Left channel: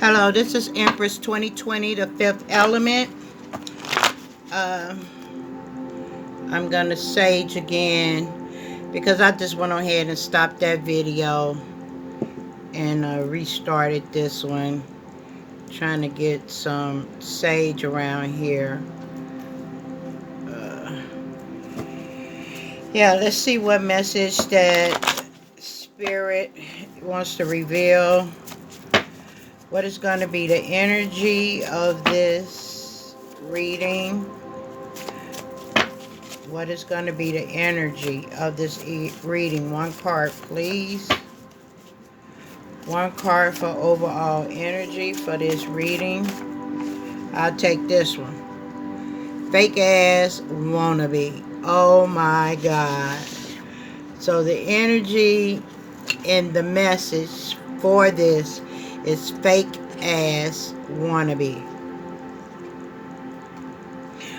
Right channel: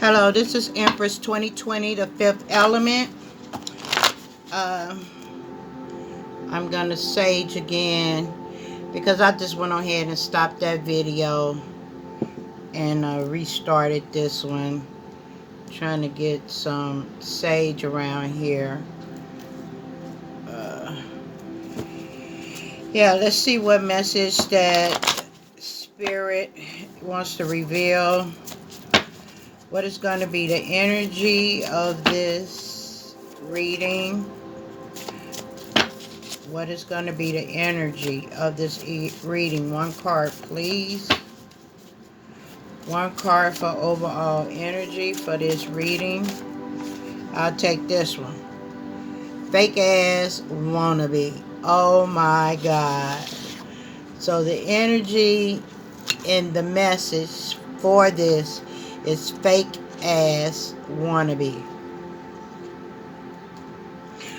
Hello, this is Empress 2020, the fifth element. Uh, I'm going to sage again because I just went ahead and stopped that video and restarted this one. Trying to get some sage around here. Uh, yeah, let's see what message that Spirit wants to reveal. What is going to be the energy of this reading? What is going to be the energy of this reading? One card, please. One card for overall energy for this reading. I'll take this one. Fake Azz Wanna Be. Oh my God. So the energy and the message for this is Fake Azz Wanna Be.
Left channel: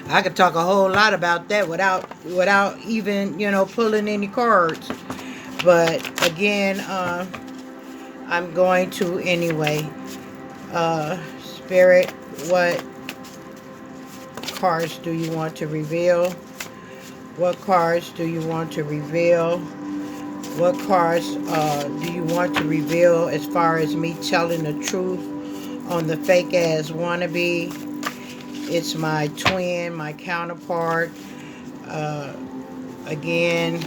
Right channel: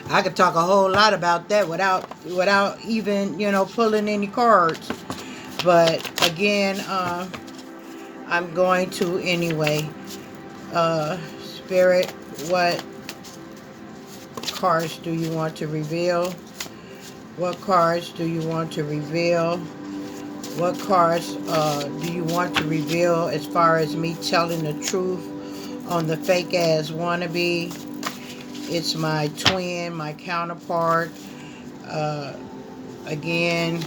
I could talk a whole lot about that without even, pulling any cards. But again, I'm going to anyway. Spirit, what cards do you want to reveal? What cards do you want to reveal? What cards do you want to reveal as far as me telling the truth on the Fake Azz Wanna Be? It's my twin, my counterpart. Again,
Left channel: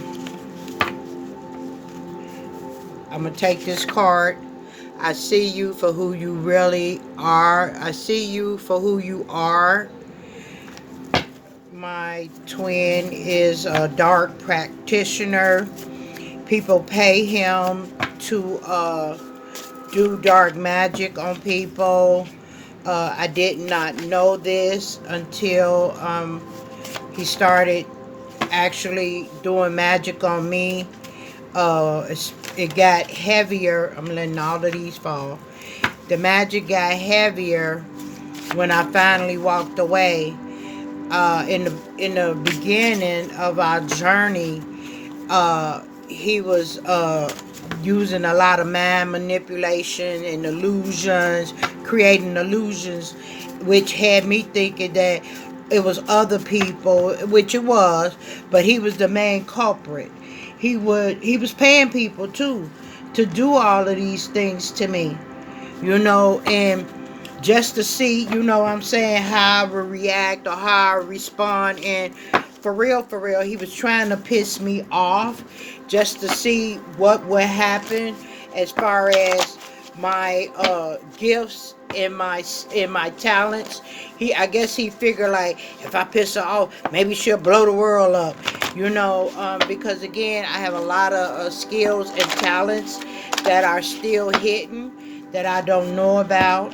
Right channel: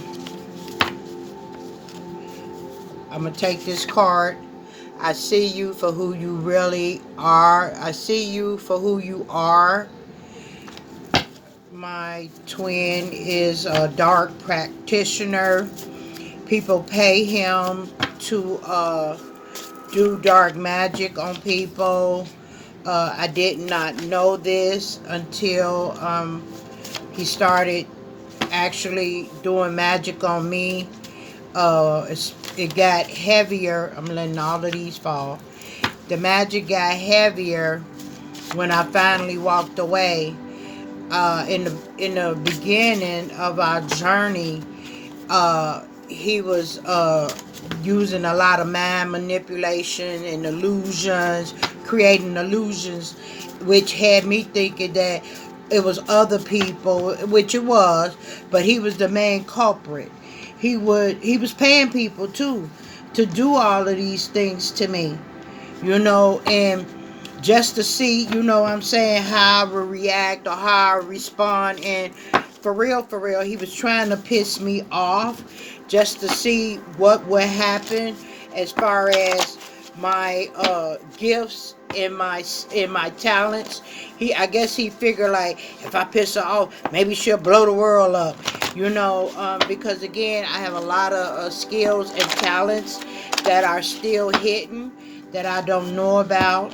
I'm going to take this card. I see you for who you really are. I see you for who you are. My twin is a dark practitioner. People pay him to do dark magic on people. I did not know this until he started actually doing magic on me. It got heavier. I'm letting all of these fall. The magic got heavier when I finally walked away. In the beginning of our journey, he was using a lot of mind manipulation and illusions, creating illusions, which had me thinking that it was other people, which it was, but he was the main culprit. He was paying people too to do all of these things to me, and just to see, what I'm saying, how I would react or how I would respond. And for real, he was trying to piss me off just to see what would happen as far as my gifts and my talents. I guess he figured, like, if I piss her off, maybe she'll blow the world up, because again, I have a lot of skills and talents that are still hidden that I don't know about.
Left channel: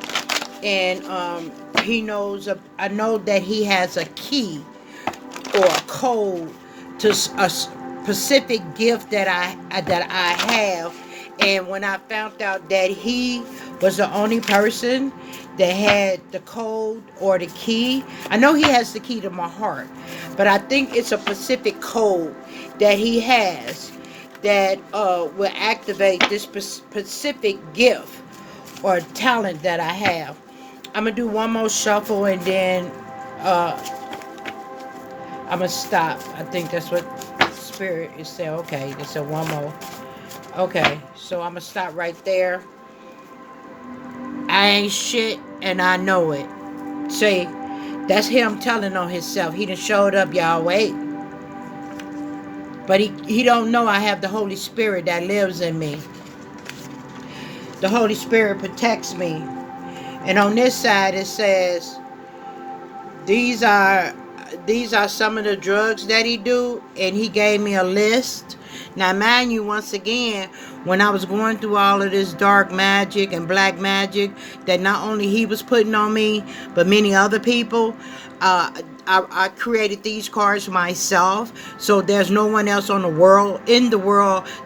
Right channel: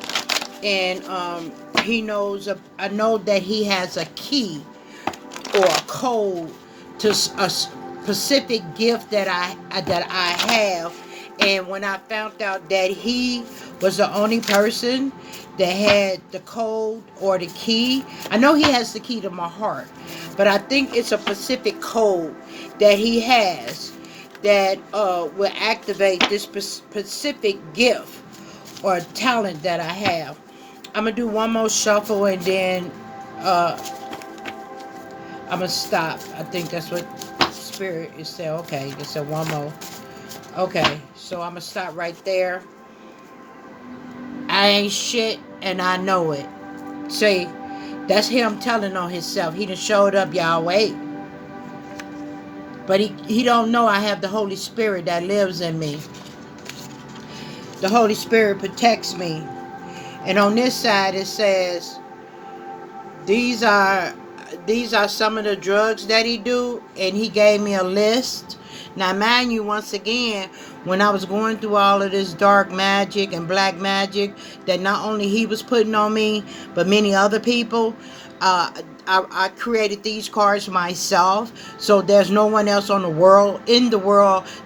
And he knows. I know that he has a key or a code to a specific gift that I have. And when I found out that he was the only person that had the code or the key, I know he has the key to my heart, but I think it's a specific code that he has that will activate this specific gift or talent that I have. I'm going to do one more shuffle and then I'm going to stop. I think that's what Spirit is saying. Okay, they said one more. Okay, so I'm going to stop right there. I ain't shit and I know it. See, that's him telling on himself. He done showed up, y'all. Wait. But he don't know I have the Holy Spirit that lives in me. The Holy Spirit protects me. And on this side it says, these are some of the drugs that he do, and he gave me a list. Now mind you, once again, when I was going through all of this dark magic and black magic that not only he was putting on me, but many other people, I created these cards myself. So there's no one else in the world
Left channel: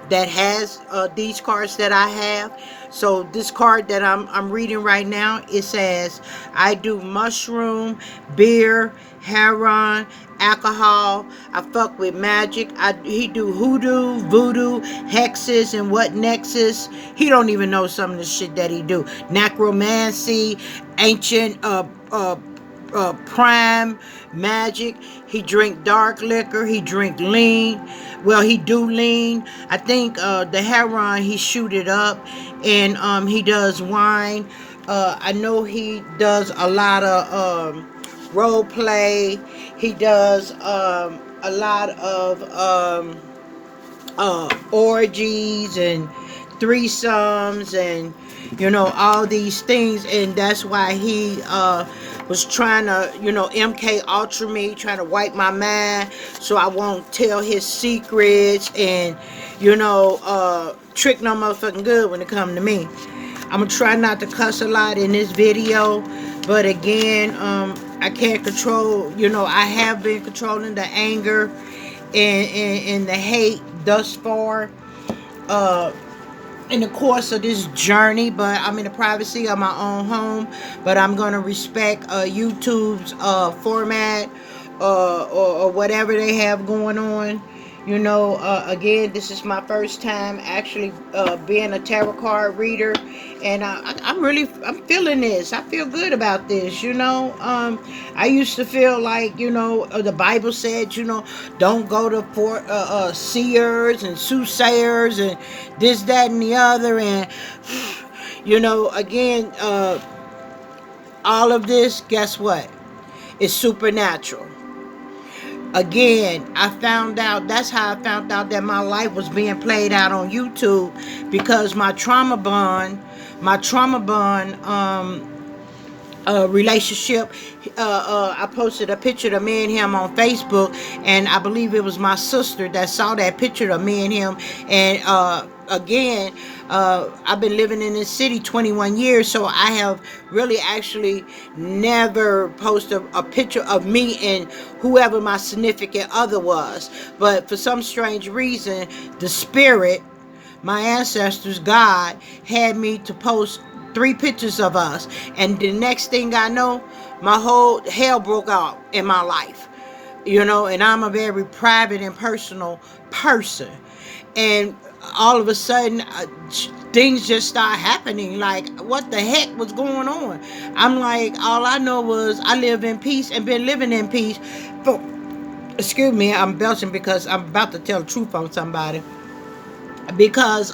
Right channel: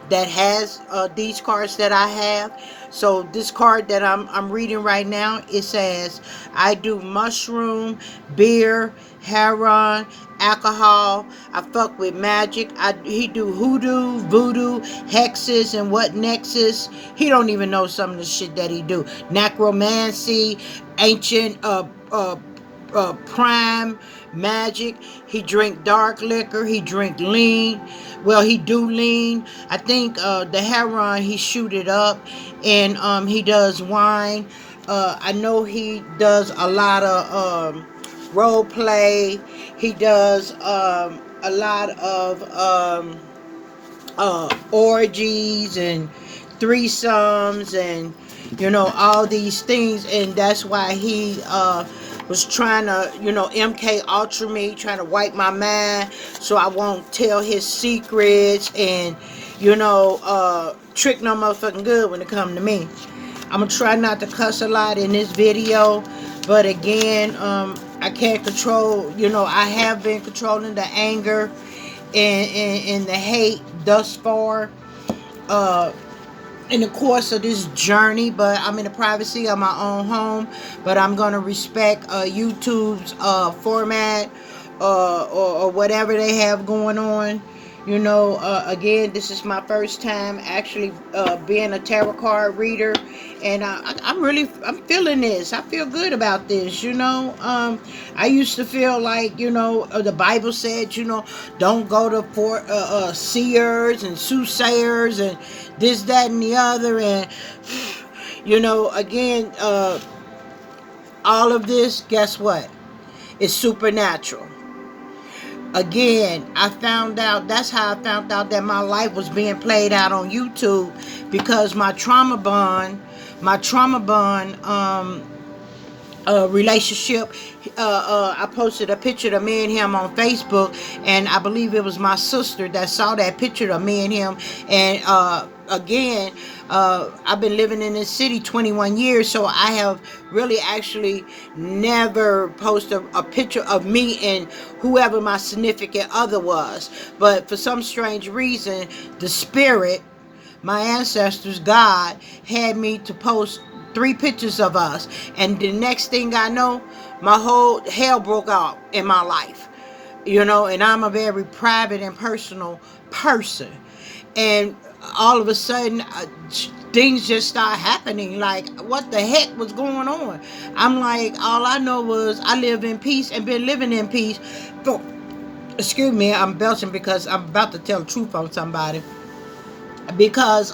that has these cards that I have. So this card that I'm reading right now, it says, I do mushroom, beer, heroin, alcohol. I fuck with magic. He do hoodoo, voodoo, hexes, and occult nexus. He don't even know some of the shit that he do. Necromancy, ancient prime magic. He drink dark liquor. He drink lean. Well, he do lean. I think the heroin, he shoot it up, and he does wine. I know he does a lot of role play. He does a lot of orgies and threesomes and all these things, and that's why he was trying to MK Ultra me, trying to wipe my mind so I won't tell his secrets and trick no motherfucking good when it come to me. I'm gonna try not to cuss a lot in this video, but again, I can't control. I have been controlling the anger and the hate thus far in the course of this journey, but I'm in the privacy of my own home. But I'm gonna respect YouTube's format or whatever they have going on. Again, this is my first time actually being a tarot card reader, and I'm feeling this. I feel good about this. I used to feel like the Bible said don't go to seers and soothsayers and this, that, and the other, and again, all of this, guess what? It's supernatural. Again, that's how I found out that my life was being played out on YouTube, because my trauma bond relationship, I posted a picture of me and him on Facebook, and I believe it was my sister that saw that picture of me and him, and again, I've been living in this city 21 years, so I have really actually never posted a picture of me and whoever my significant other was. But for some strange reason, the spirit, my ancestors, God, had me to post 3 pictures of us. And the next thing I know, my whole hell broke out in my life. And I'm a very private and personal person. And all of a sudden, things just start happening. Like, what the heck was going on? I'm like, all I know was I live in peace and been living in peace. Excuse me, I'm belching because I'm about to tell the truth on somebody. Because,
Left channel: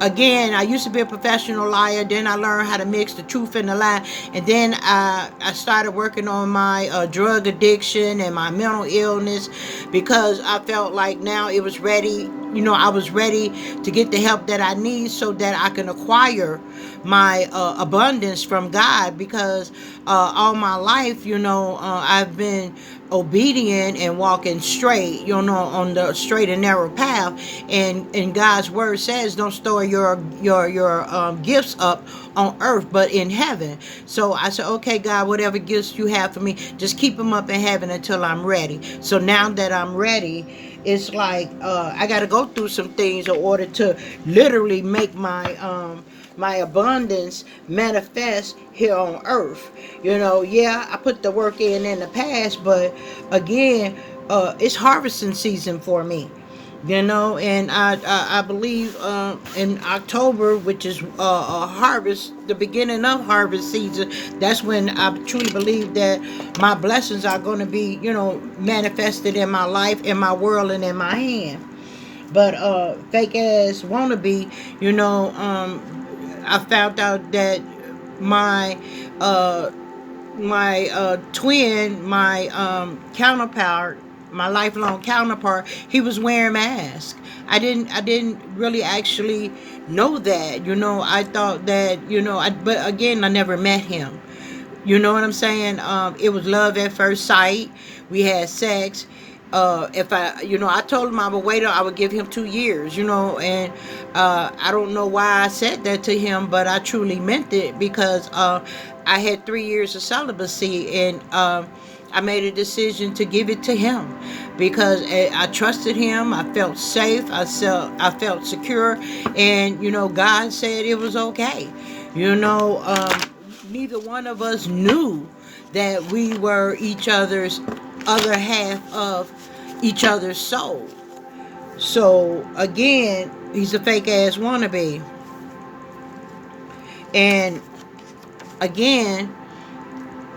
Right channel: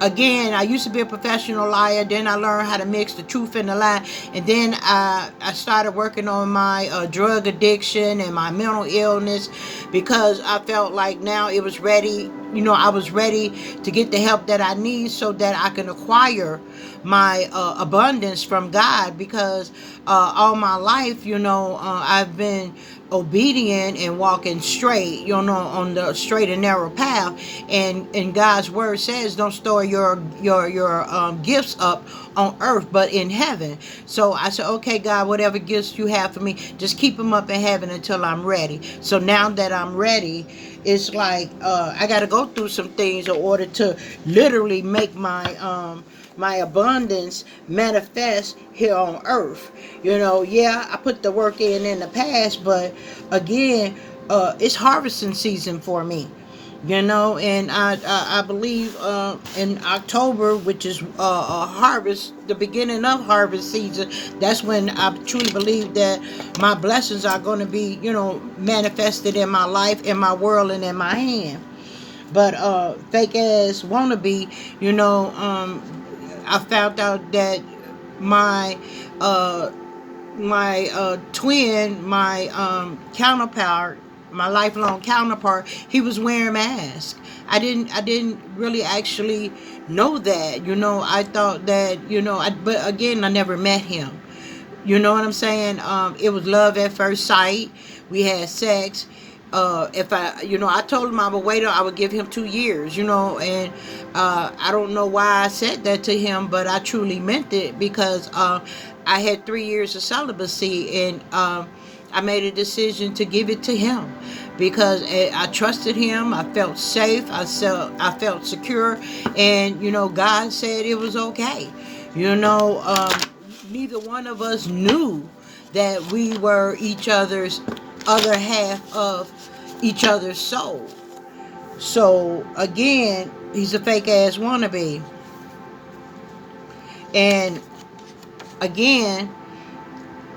again, I used to be a professional liar. Then I learned how to mix the truth and the lie. And then I started working on my drug addiction and my mental illness, because I felt like now it was ready. I was ready to get the help that I need so that I can acquire my abundance from God, because all my life, I've been obedient and walking straight, on the straight and narrow path. And God's word says, don't store your gifts up on earth, but in heaven. So I said, okay, God, whatever gifts you have for me, just keep them up in heaven until I'm ready. So now that I'm ready, it's like I got to go through some things in order to literally make my abundance manifest here on earth. Yeah, I put the work in the past, but again, it's harvesting season for me. And I believe in October, which is a harvest, the beginning of harvest season, that's when I truly believe that my blessings are going to be, manifested in my life, in my world, and in my hand. But fake Azz Wanna Be, I found out that my twin, my counterpart, my lifelong counterpart, he was wearing masks. I didn't really actually know that. I thought that, but again, I never met him. You know what I'm saying? It was love at first sight. We had sex. If I told him I would wait, I would give him 2 years, and I don't know why I said that to him, but I truly meant it, because I had 3 years of celibacy, and I made a decision to give it to him, because I trusted him. I felt safe. I felt secure, and God said it was okay. Neither one of us knew that we were each other's other half of each other's soul. So again, he's a fake ass wannabe. And again,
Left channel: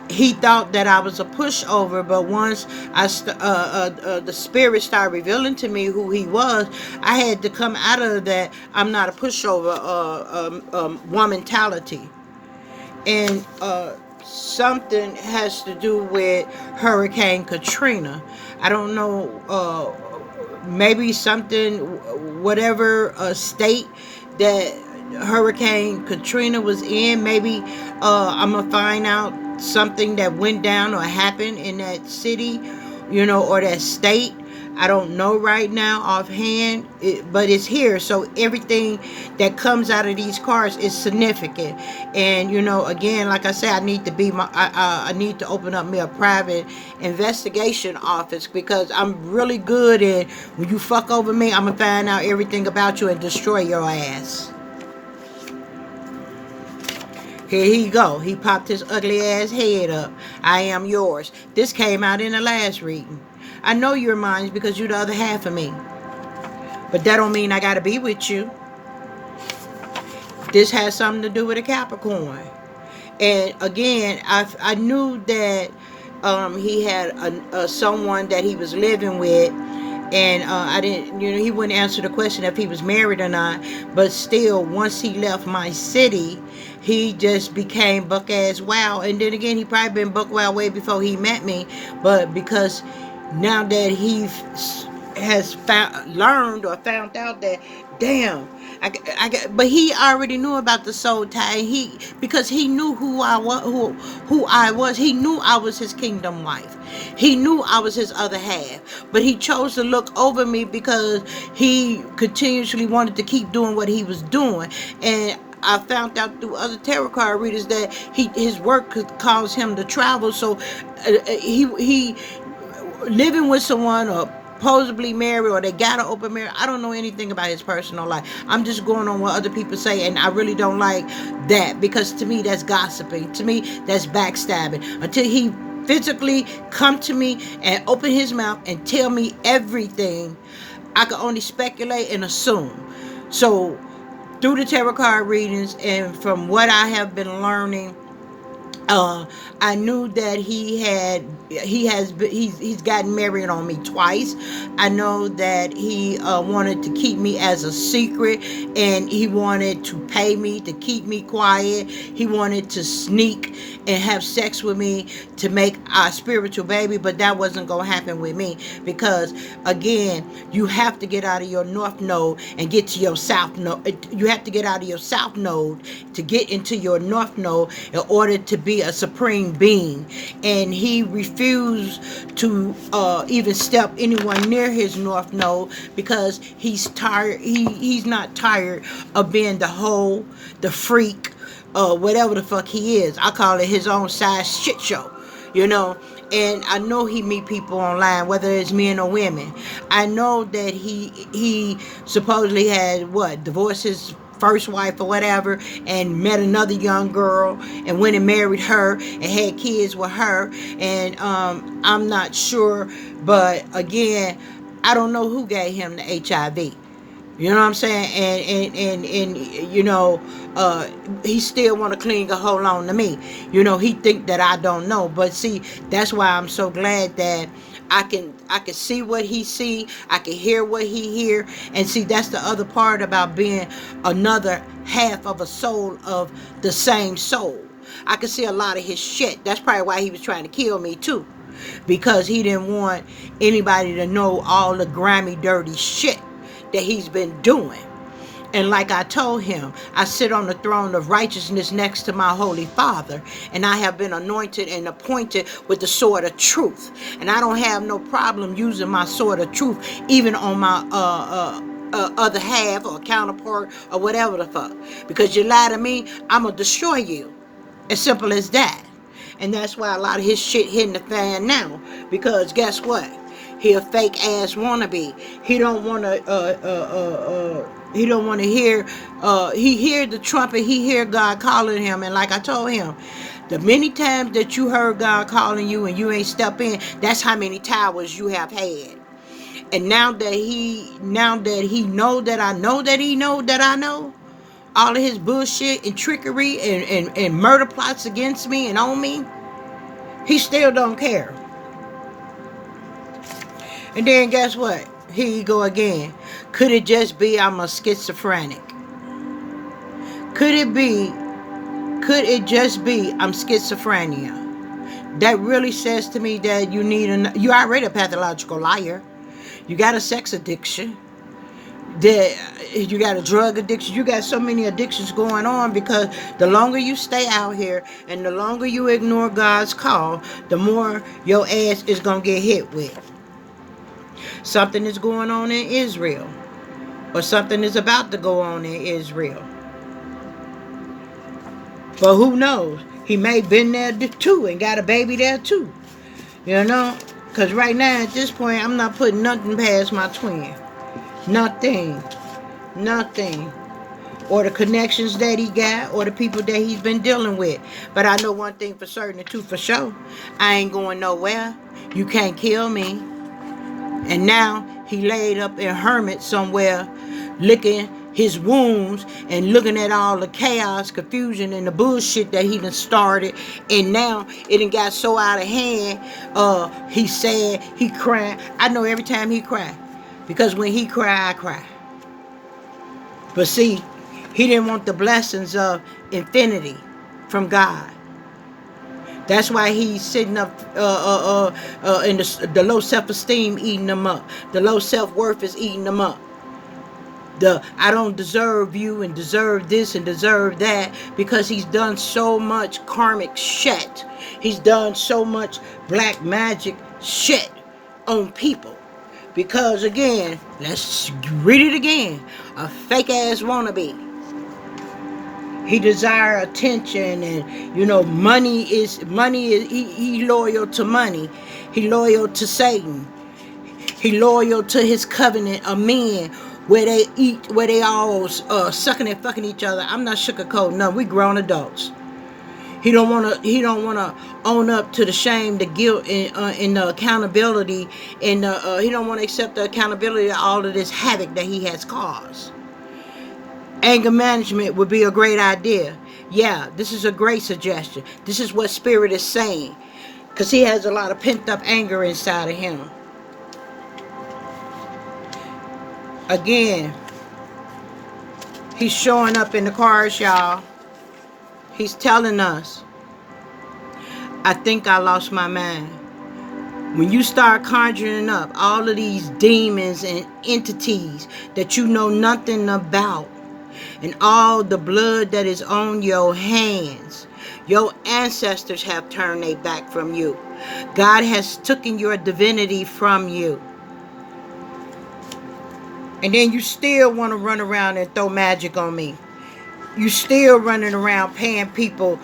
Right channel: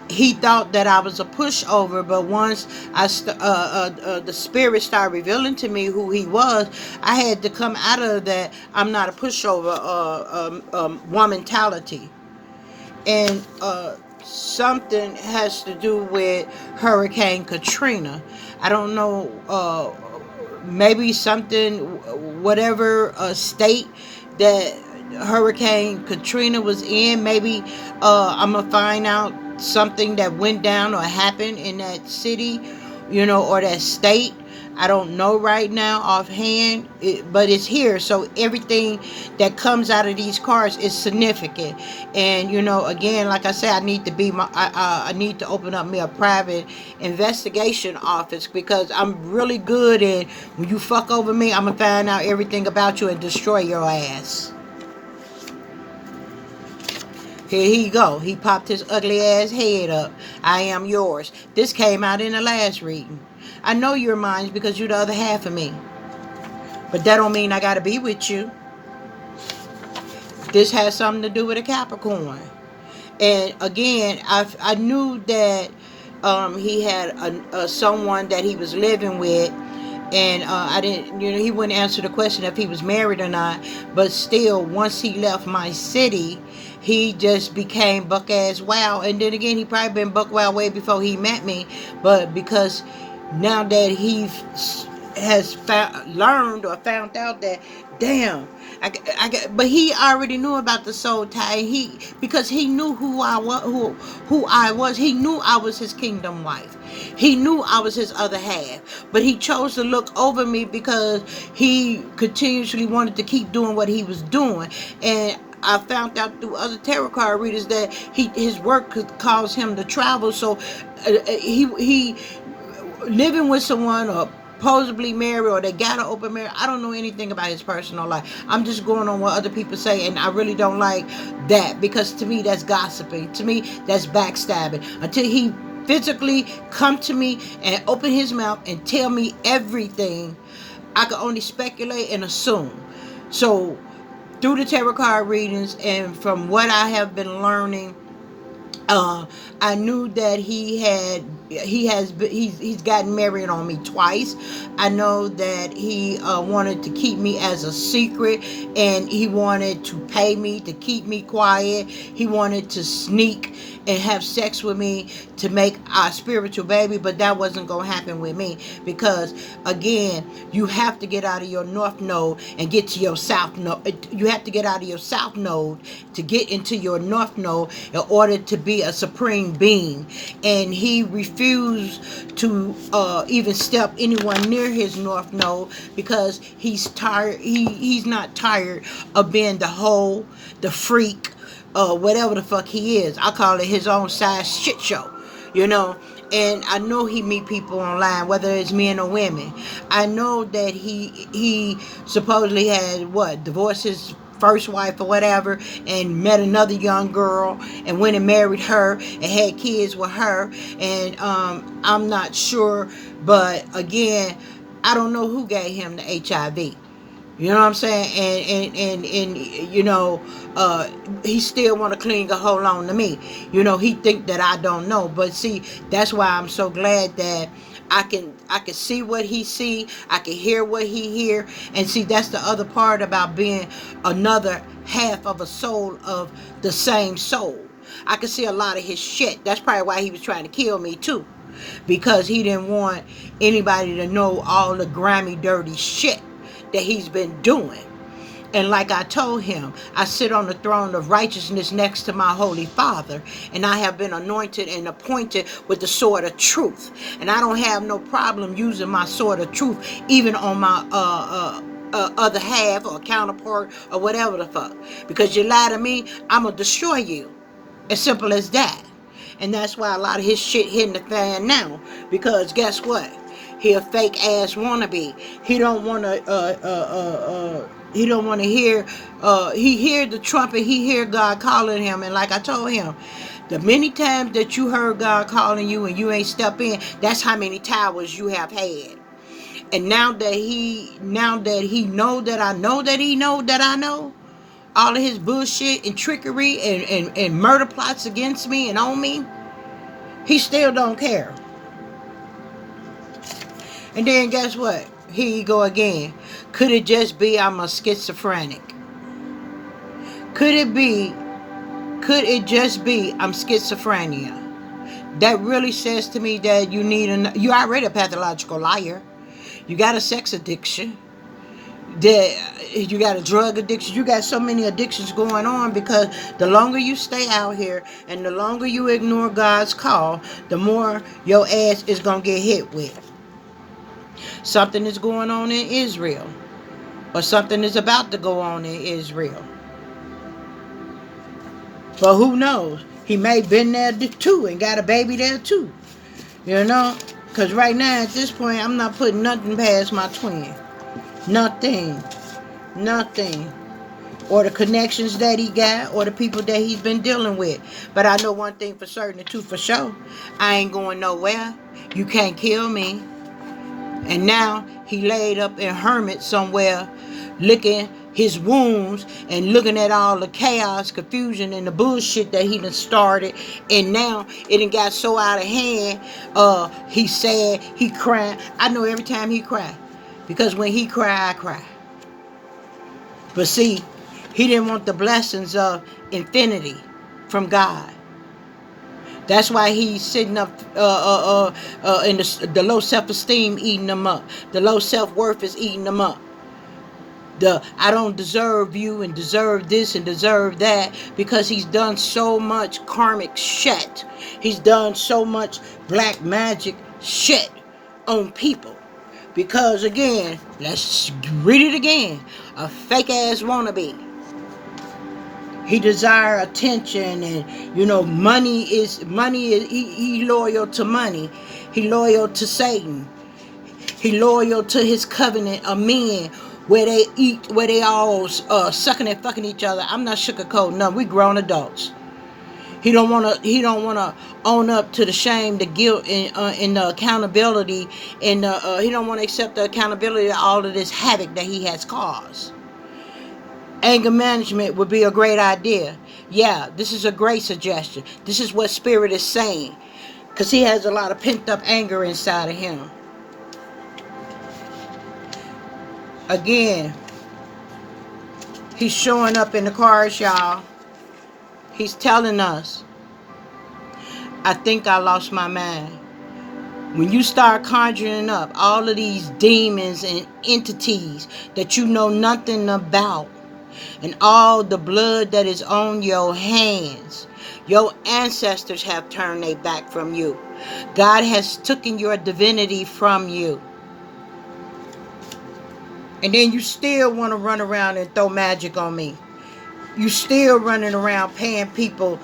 he thought that I was a pushover, but once the spirit started revealing to me who he was, I had to come out of that. I'm not a pushover one mentality, and something has to do with Hurricane Katrina. I don't know. Maybe something, whatever state that Hurricane Katrina was in. Maybe I'm gonna find out something that went down or happened in that city, or that state. I don't know right now offhand, but it's here. So everything that comes out of these cards is significant. And again, like I said, I need to be I need to open up me a private investigation office, because I'm really good at, when you fuck over me, I'm gonna find out everything about you and destroy your ass. Here he go. He popped his ugly ass head up. I am yours. This came out in the last reading. I know you're mine because you're the other half of me. But that don't mean I gotta be with you. This has something to do with a Capricorn. And again, I knew that he had someone that he was living with, and I didn't, he wouldn't answer the question if he was married or not. But still, once he left my city, he just became buck ass wow. And then again, he probably been buck wow way before he met me, but because now that he has learned or found out that, damn, but he already knew about the soul tie. Because he knew who I was, who I was. He knew I was his kingdom wife. He knew I was his other half. But he chose to look over me because he continuously wanted to keep doing what he was doing. And I found out through other tarot card readers that his work could cause him to travel. So he living with someone, or supposedly married, or they got an open marriage. I don't know anything about his personal life. I'm just going on what other people say, and I really don't like that, because to me that's gossiping. To me that's backstabbing. Until he physically come to me and open his mouth and tell me everything, I can only speculate and assume. So through the tarot card readings and from what I have been learning, I knew that he's gotten married on me twice. I know that he wanted to keep me as a secret, and he wanted to pay me to keep me quiet. He wanted to sneak and have sex with me to make our spiritual baby, but that wasn't going to happen with me, because again, you have to get out of your north node and get to your south node. You have to get out of your south node to get into your north node in order to be a supreme being. And he refused to even step anyone near his north node, because he's tired. He's not tired of being the hoe, the freak, whatever the fuck he is. I call it his own size shit show, And I know he meet people online, whether it's men or women. I know that he supposedly had divorced his first wife or whatever, and met another young girl and went and married her and had kids with her. And I'm not sure, but again, I don't know who gave him the HIV. You know what I'm saying? And he still want to cling a hold on to me. He think that I don't know. But see, that's why I'm so glad that I can see what he see. I can hear what he hear. And see, that's the other part about being another half of a soul of the same soul. I can see a lot of his shit. That's probably why he was trying to kill me too, because he didn't want anybody to know all the grimy, dirty shit that he's been doing. And like I told him, I sit on the throne of righteousness next to my Holy Father, and I have been anointed and appointed with the sword of truth. And I don't have no problem using my sword of truth, even on my other half or counterpart or whatever the fuck. Because you lie to me, I'm going to destroy you. As simple as that. And that's why a lot of his shit hitting the fan now. Because guess what? He a fake ass wannabe. He don't want to. He don't want to hear. He hear the trumpet. He hear God calling him. And like I told him, the many times that you heard God calling you and you ain't step in, that's how many towers you have had. And now that he know that I know that he know that I know all of his bullshit and trickery and murder plots against me and on me, he still don't care. And then guess what? Here you go again. Could it just be I'm a schizophrenic? Could it just be I'm schizophrenia? That really says to me that you already a pathological liar. You got a sex addiction. That you got a drug addiction. You got so many addictions going on because the longer you stay out here and the longer you ignore God's call, the more your ass is going to get hit with. Something is going on in Israel, or something is about to go on in Israel. But who knows? He may have been there too and got a baby there too. You know? Because right now at this point I'm not putting nothing past my twin. Nothing. Nothing. Or the connections that he got, or the people that he's been dealing with. But I know one thing for certain, and two for sure. I ain't going nowhere. You can't kill me. And now he laid up in hermit somewhere, licking his wounds and looking at all the chaos, confusion, and the bullshit that he done started. And now it done got so out of hand. He sad, he crying. I know every time he cry, because when he cry, I cry. But see, he didn't want the blessings of infinity from God. That's why he's sitting up in the low self-esteem eating them up. The low self-worth is eating them up. The I don't deserve you and deserve this and deserve that, because he's done so much karmic shit. He's done so much black magic shit on people. Because again, let's read it again. A fake ass wannabe. He desire attention, and money is he loyal to money. He loyal to Satan. He loyal to his covenant of men, where they all sucking and fucking each other. I'm not sugarcoating nothing. We grown adults. He don't wanna own up to the shame, the guilt, and the accountability, and he don't want to accept the accountability of all of this havoc that he has caused. Anger management would be a great idea. Yeah, this is a great suggestion. This is what Spirit is saying. Because he has a lot of pent up anger inside of him. Again, he's showing up in the cards, y'all. He's telling us, I think I lost my mind. When you start conjuring up all of these demons and entities that you know nothing about, and all the blood that is on your hands, your ancestors have turned their back from you. God has taken your divinity from you. And then you still want to run around and throw magic on me. You still running around paying people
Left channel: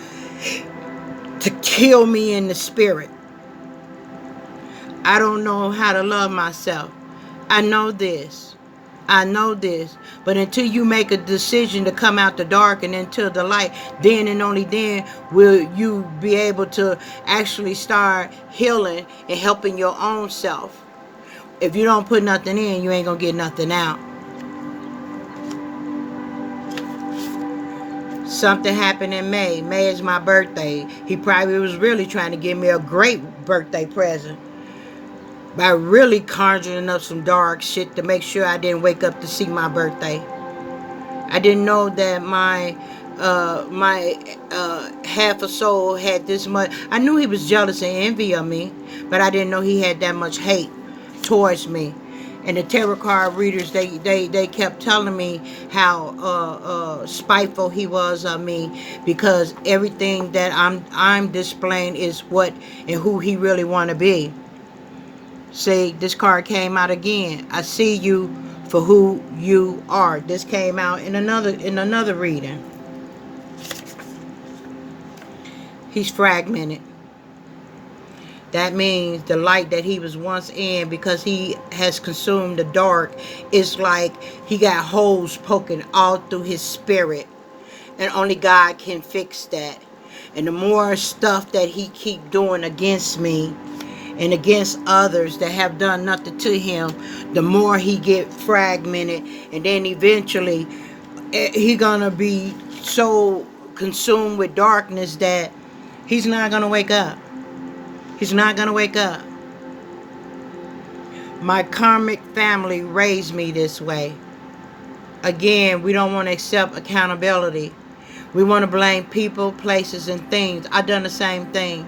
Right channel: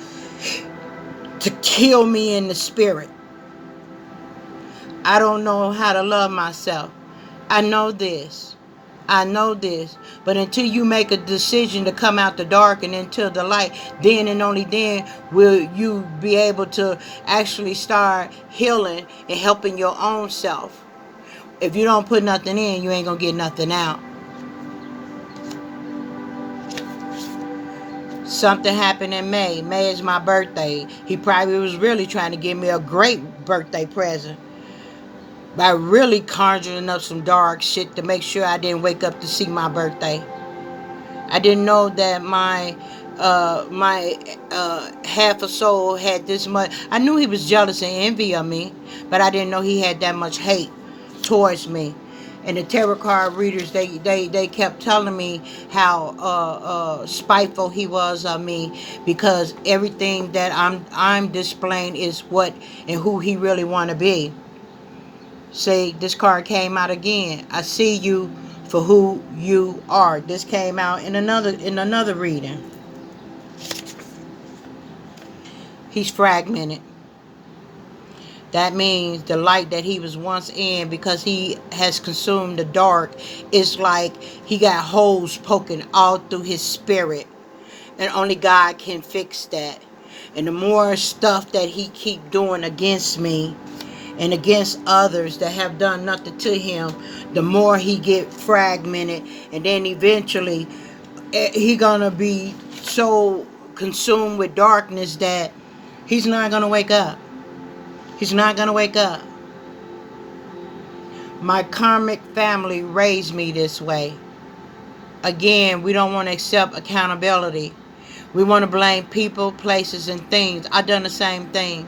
to kill me in the spirit. I don't know how to love myself. I know this. But until you make a decision to come out the dark and into the light, then and only then will you be able to actually start healing and helping your own self. If you don't put nothing in, you ain't gonna get nothing out. Something happened in May. May is my birthday. He probably was really trying to give me a great birthday present by really conjuring up some dark shit to make sure I didn't wake up to see my birthday. I didn't know that my half a soul had this much. I knew he was jealous and envy of me, but I didn't know he had that much hate towards me. And the tarot card readers, they kept telling me how spiteful he was of me, because everything that I'm displaying is what and who he really want to be. See, this card came out again. I see you for who you are. This came out in another reading. He's fragmented. That means the light that he was once in, because he has consumed the dark, is like he got holes poking all through his spirit. And only God can fix that. And the more stuff that he keep doing against me, and against others that have done nothing to him, the more he get fragmented, and then eventually he gonna be so consumed with darkness that he's not gonna wake up. He's not gonna wake up. My karmic family raised me this way. Again, we don't want to accept accountability. We want to blame people, places, and things. I done the same thing.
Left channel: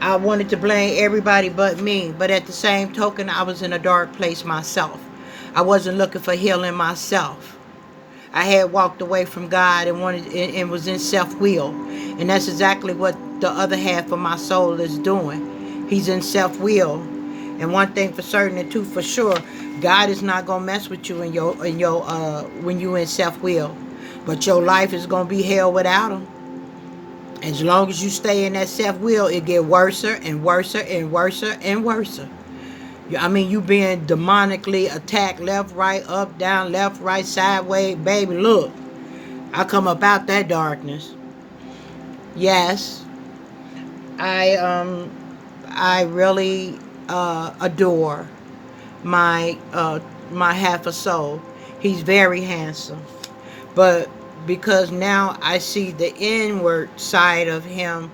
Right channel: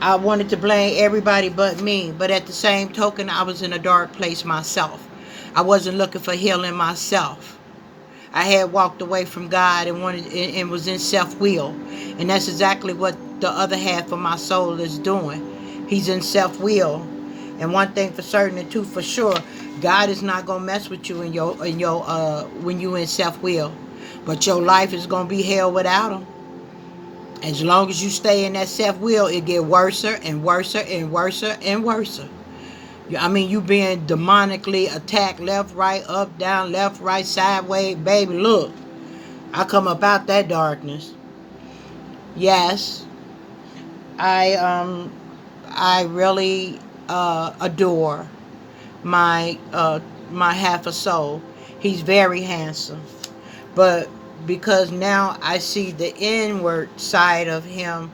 I wanted to blame everybody but me, but at the same token, I was in a dark place myself. I wasn't looking for healing myself. I had walked away from God and wanted and was in self-will, and that's exactly what the other half of my soul is doing. He's in self-will, and one thing for certain and two for sure, God is not gonna mess with you in your when you in self-will, but your life is gonna be hell without him. As long as you stay in that self-will, it get worse and worse and worse and worse. I mean, you being demonically attacked left, right, up, down, left, right, sideways. Baby, look, I come up out that darkness. Yes, I really adore my my half a soul. He's very handsome, but because now I see the inward side of him,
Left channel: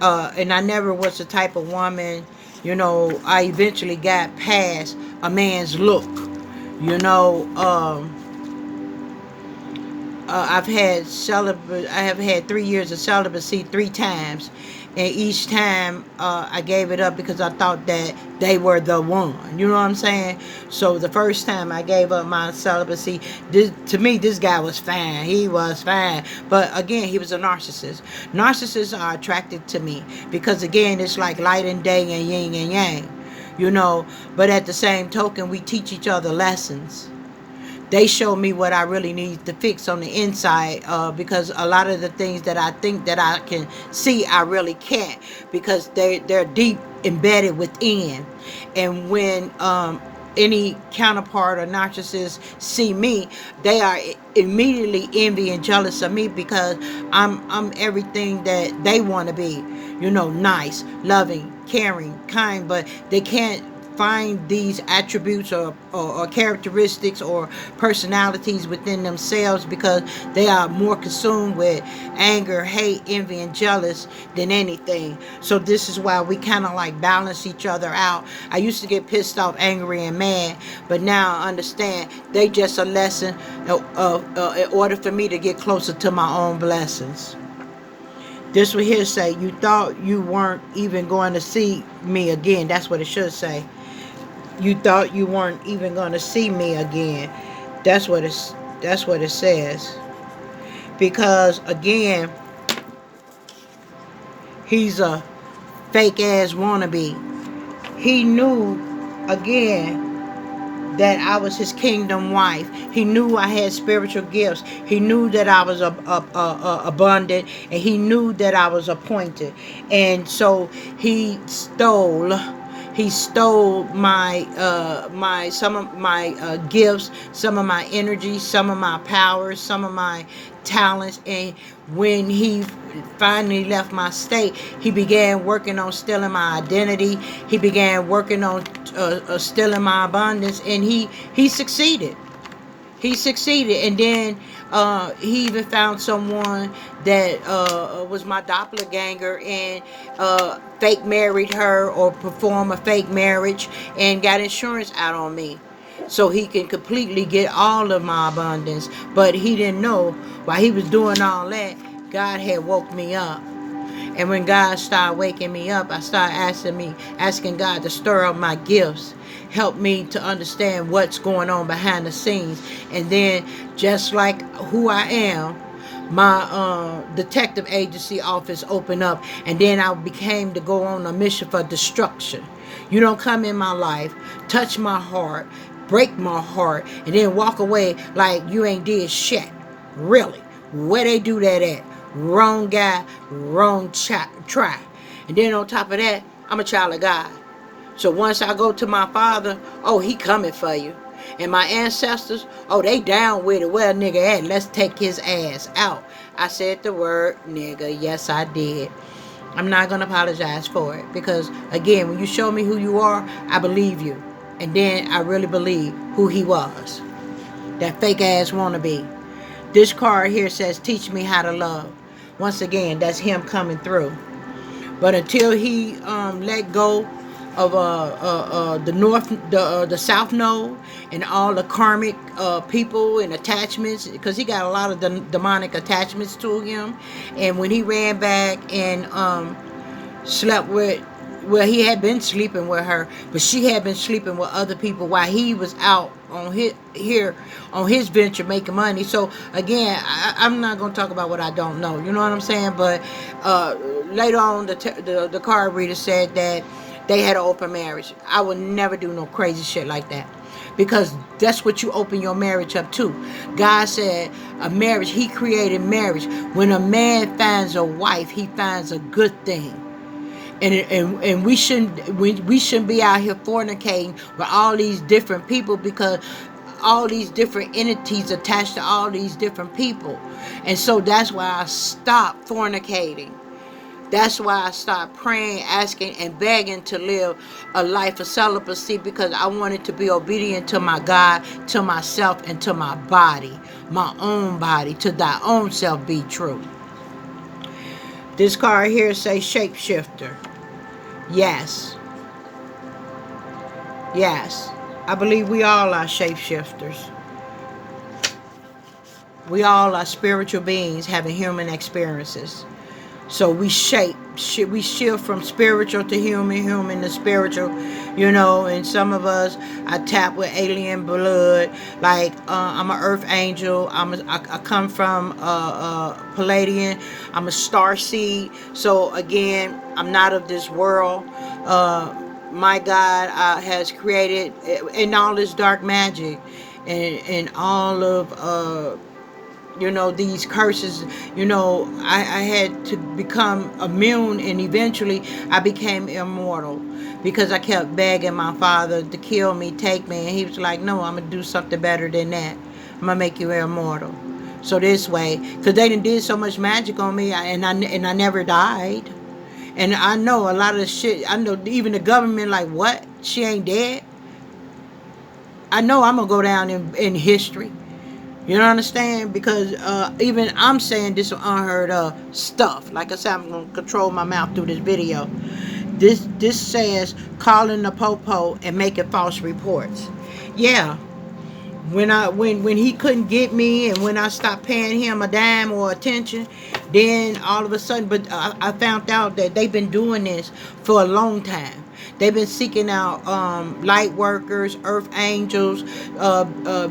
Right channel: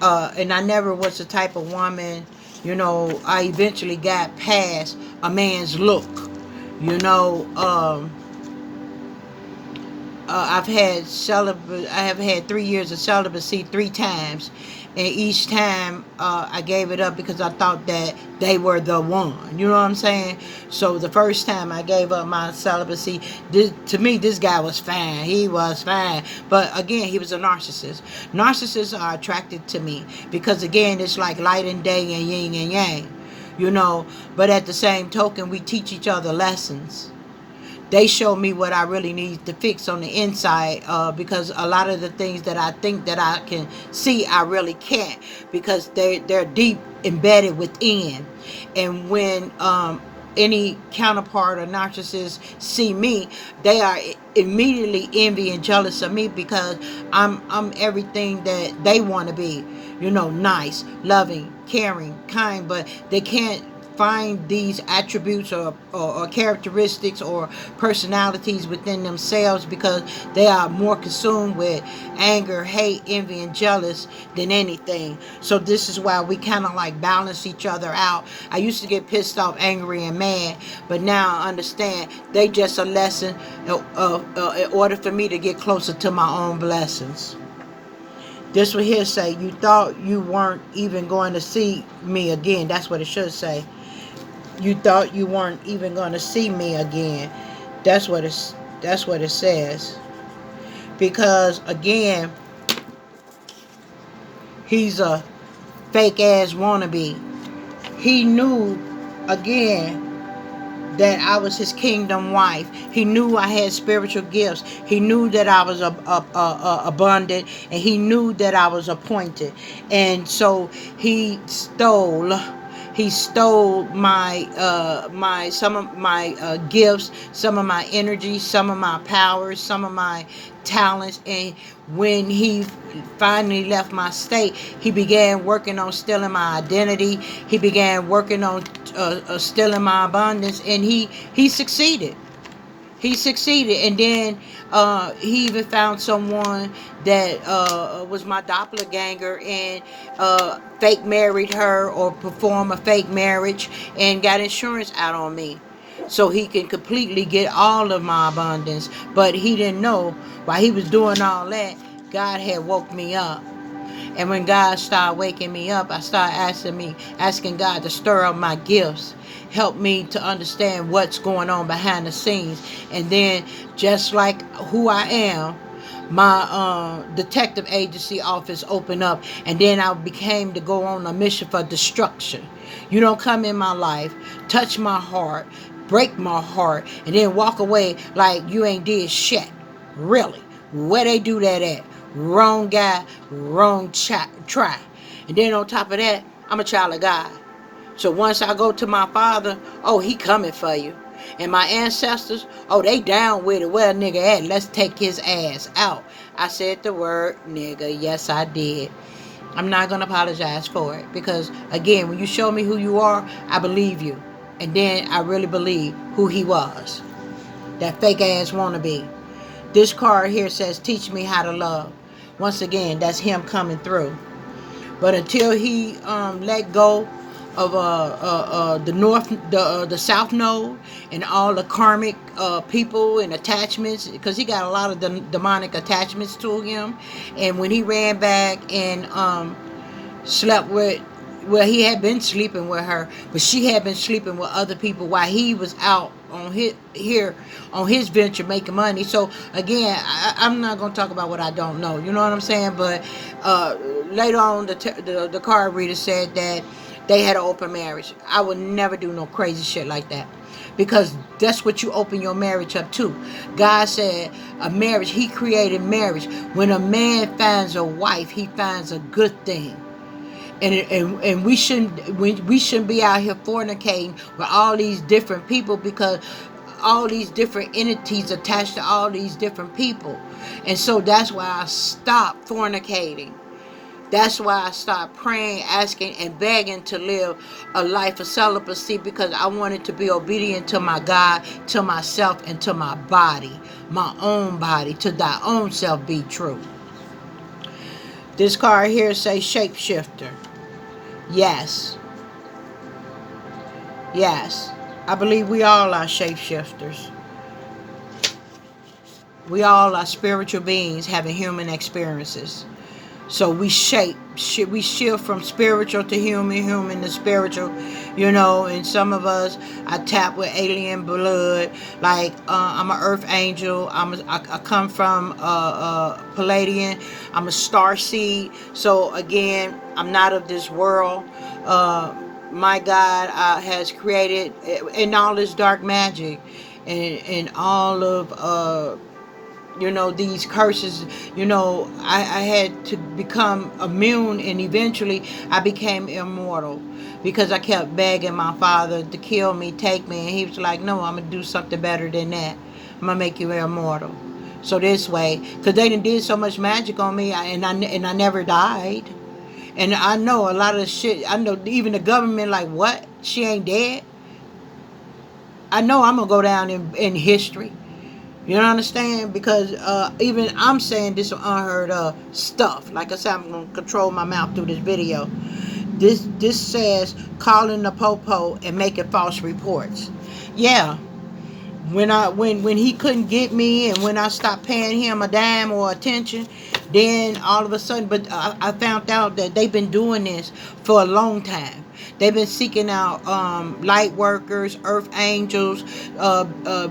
and I never was the type of woman, I eventually got past a man's look. You know, I have had 3 years of celibacy 3 times, and each time I gave it up because I thought that they were the one. You know what I'm saying? So the first time I gave up my celibacy, to me this guy was fine. He was fine, but again, he was a narcissist. Narcissists are attracted to me because again, it's like light and day and yin and yang. But at the same token, we teach each other lessons. They show me what I really need to fix on the inside, because a lot of the things that I think that I can see, I really can't, because they're deep embedded within. And when any counterpart or narcissist see me, they are immediately envy and jealous of me because I'm everything that they want to be. Nice, loving, caring, kind, but they can't find these attributes or characteristics or personalities within themselves because they are more consumed with anger, hate, envy, and jealous than anything. So this is why we kind of like balance each other out. I used to get pissed off, angry, and mad, but now I understand they just a lesson in order for me to get closer to my own blessings. This will here say, you thought you weren't even going to see me again. That's what it should say. You thought you weren't even going to see me again. That's what it says. Because again, he's a fake ass wannabe. He knew again that I was his kingdom wife. He knew I had spiritual gifts. He knew that I was abundant, and he knew that I was appointed. And so he stole my some of my gifts, some of my energy, some of my powers, some of my talents. And when he finally left my state, he began working on stealing my identity. He began working on stealing my abundance, and he succeeded. He succeeded, and then he even found someone that was my doppelganger, and fake married her or perform a fake marriage and got insurance out on me so he can completely get all of my abundance. But he didn't know while he was doing all that, God had woke me up. And when God started waking me up, I started asking God to stir up my gifts, help me to understand what's going on behind the scenes. And then, just like who I am, my detective agency office opened up, and then I became to go on a mission for destruction. You don't come in my life, touch my heart, break my heart, and then walk away like you ain't did shit. Really? Where they do that at? Wrong guy, wrong try. And then on top of that, I'm a child of God. So once I go to my Father, oh, he coming for you. And my ancestors, oh, they down with it. Well, nigga, hey, let's take his ass out. I said the word nigga. Yes, I did. I'm not going to apologize for it. Because, again, when you show me who you are, I believe you. And then I really believe who he was. That fake ass wannabe. This card here says, teach me how to love. Once again, that's him coming through. But until he let go of the south node, and all the karmic people and attachments, because he got a lot of demonic attachments to him. And when he ran back and slept with, well, he had been sleeping with her, but she had been sleeping with other people while he was out on his venture making money. So again, I'm not going to talk about what I don't know, you know what I'm saying? But later on, the card reader said that they had an open marriage. I would never do no crazy shit like that, because that's what you open your marriage up to. God said a marriage, he created marriage. When a man finds a wife, he finds a good thing. And we shouldn't be out here fornicating with all these different people, because all these different entities attached to all these different people. And so that's why I stopped fornicating. That's why I stopped praying, asking, and begging to live a life of celibacy, because I wanted to be obedient to my God, to myself, and to my body, my own body. To thy own self be true. This card here says shapeshifter. Yes. Yes. I believe we all are shapeshifters. We all are spiritual beings having human experiences. So we we shift from spiritual to human, human to spiritual, and some of us, I tap with alien blood. Like, I'm an earth angel. I come from Palladian. I'm a star seed. So again, I'm not of this world. My God has created, in all this dark magic, and all of these curses. I had to become immune, and eventually I became immortal, because I kept begging my father to kill me, take me, and he was like, no, I'm gonna do something better than that. I'm gonna make you immortal. So this way, because they did so much magic on me, and I never died. And I know a lot of the shit. I know even the government, like, what, she ain't dead? I know I'm gonna go down in history. You don't understand? Because even I'm saying this unheard of stuff. Like I said, I'm going to control my mouth through this video. This says calling the popo and making false reports. Yeah. When he couldn't get me, and when I stopped paying him a dime or attention, then all of a sudden, but I found out that they've been doing this for a long time. They've been seeking out light workers, earth angels,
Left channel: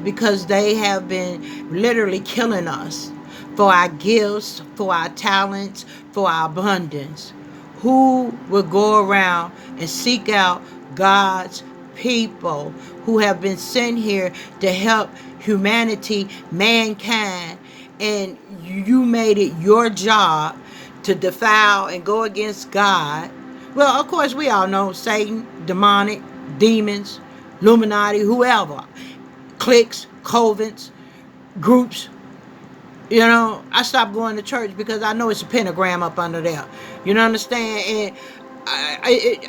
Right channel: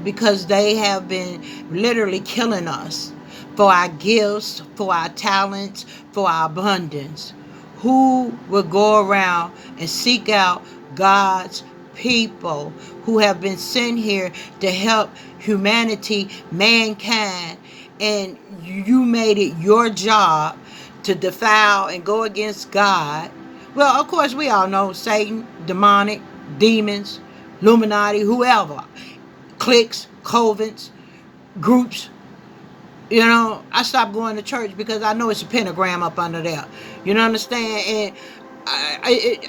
because they have been literally killing us for our gifts, for our talents, for our abundance. Who will go around and seek out God's people who have been sent here to help humanity, mankind, and you made it your job to defile and go against God? Well, of course, we all know Satan, demonic, demons, Illuminati, whoever, cliques, covens, groups. I stopped going to church because I know it's a pentagram up under there. You know, understand? And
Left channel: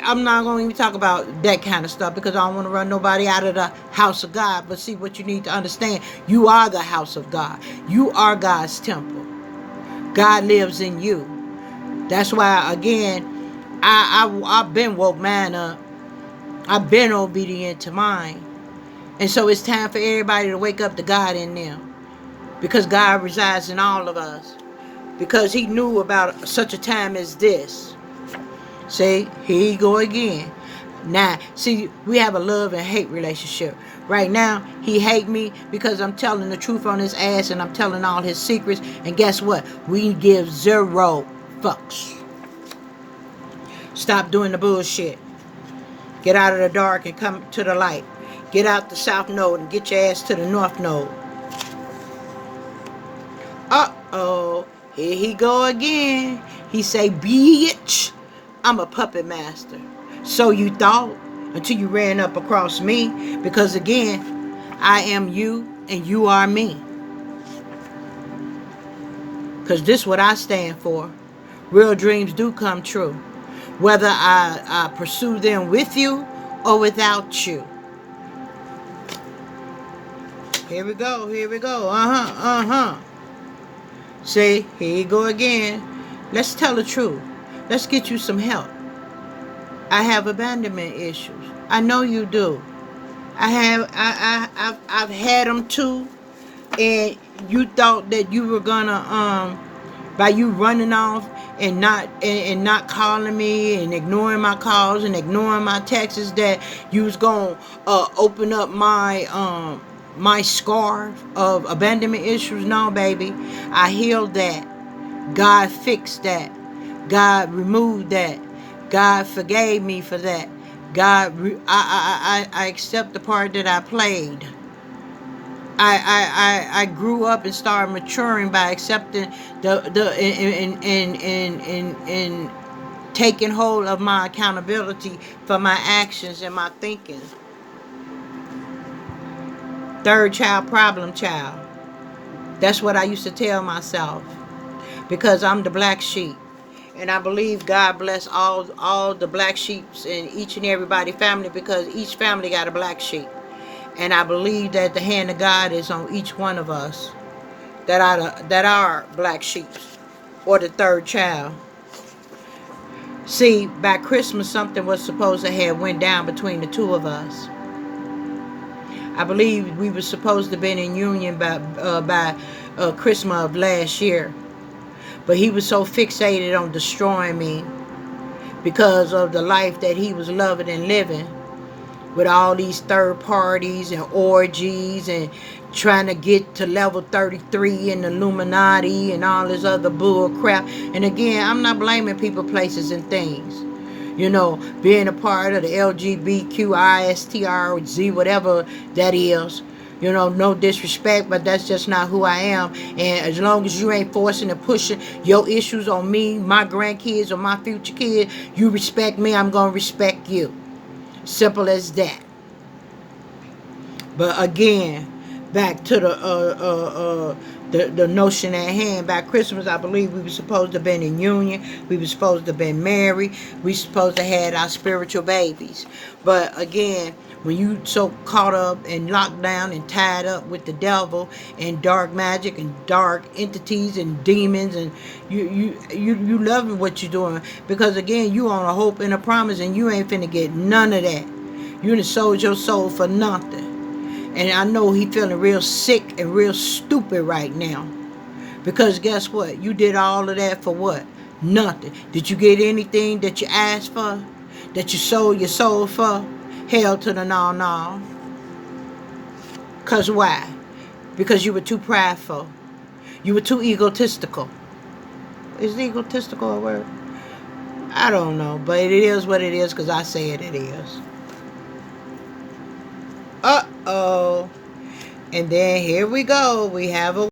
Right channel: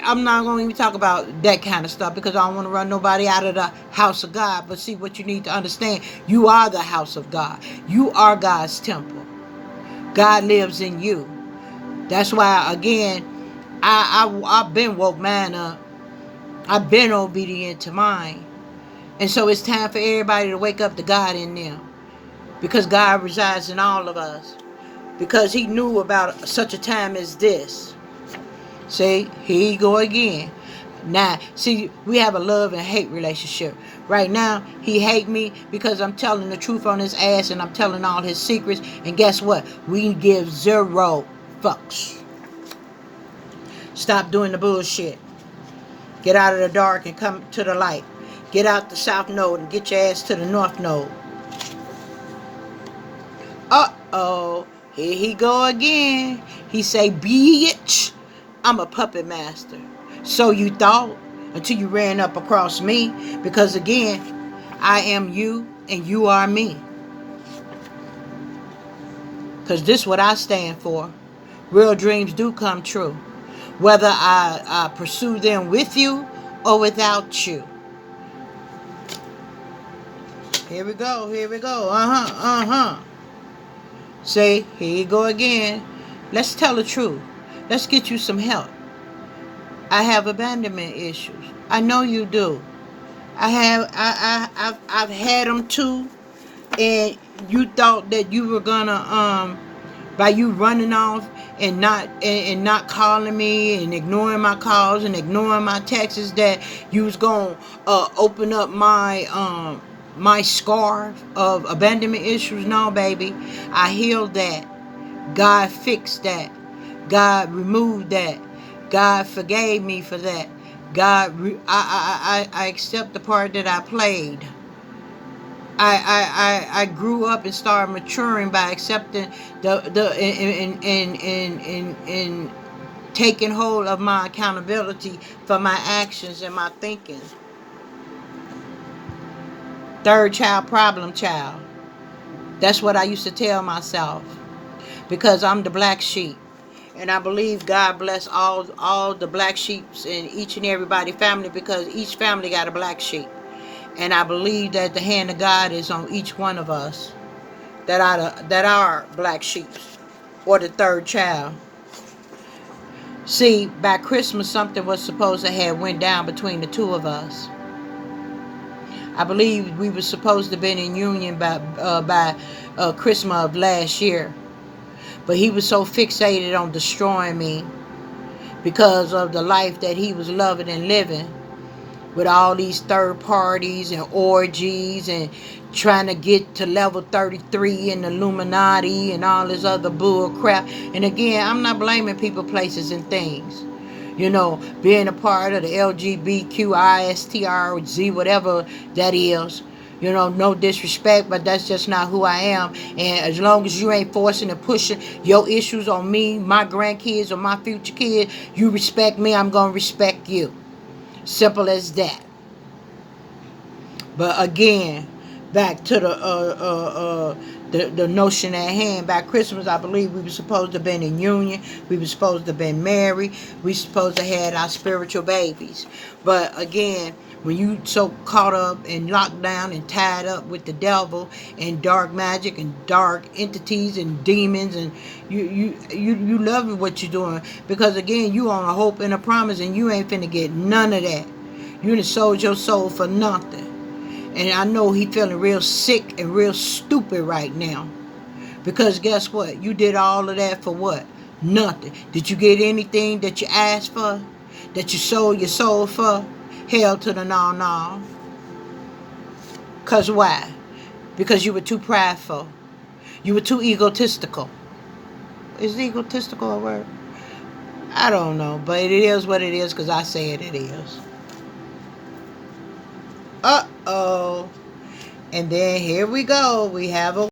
I'm not going to even talk about that kind of stuff, because I don't want to run nobody out of the house of God. But see, what you need to understand, you are the house of God. You are God's temple. God lives in you. That's why, again, I've been woke man up. I've been obedient to mine. And so it's time for everybody to wake up to God in them. Because God resides in all of us. Because he knew about such a time as this. See, here you go again. Now, see, we have a love and hate relationship. Right now, he hate me because I'm telling the truth on his ass, and I'm telling all his secrets. And guess what? We give 0 fucks. Stop doing the bullshit. Get out of the dark and come to the light. Get out the south node and get your ass to the north node. Uh-oh. Here he go again. He say, bitch, I'm a puppet master. So you thought, until you ran up across me. Because again, I am you and you are me. Because this is what I stand for. Real dreams do come true. Whether I pursue them with you or without you. Here we go. Here we go. See, here you go again. Let's tell the truth. Let's get you some help. I have abandonment issues. I know you do. I've had them too. And you thought that you were gonna by you running off and not calling me and ignoring my calls and ignoring my texts, that you was gonna open up my scar of abandonment issues. No, baby, I healed that. God fixed that. God removed that. God forgave me for that. I accept the part that I played. I grew up and started maturing by accepting in taking hold of my accountability for my actions and my thinking. Third child, problem child. That's what I used to tell myself, because I'm the black sheep. And I believe God bless all the black sheeps in each and everybody family, because each family got a black sheep. And I believe that the hand of God is on each one of us that are black sheep, or the third child. See, by Christmas something was supposed to have went down between the two of us. I believe we were supposed to have been in union by Christmas of last year. But he was so fixated on destroying me because of the life that he was loving and living, with all these third parties and orgies and trying to get to level 33 and Illuminati and all this other bull crap. And again, I'm not blaming people, places, and things. You know, being a part of the LGBTQISTRZ, whatever that is. You know, no disrespect, but that's just not who I am. And as long as you ain't forcing and pushing your issues on me, my grandkids, or my future kids, you respect me, I'm going to respect you. Simple as that. But again, back to the notion at hand. By Christmas, I believe we were supposed to have been in union. We were supposed to have been married. We supposed to have had our spiritual babies. But again, when you so caught up and locked down and tied up with the devil and dark magic and dark entities and demons, and you loving what you're doing, because again, you on a hope and a promise, and you ain't finna get none of that. You done sold your soul for nothing. And I know he feeling real sick and real stupid right now. Because guess what? You did all of that for what? Nothing. Did you get anything that you asked for? That you sold your soul for? Hell to the no. Because why? Because you were too prideful. You were too egotistical. Is egotistical a word? I don't know. But it is what it is, because I say it is. Uh-oh. And then here we go. We have a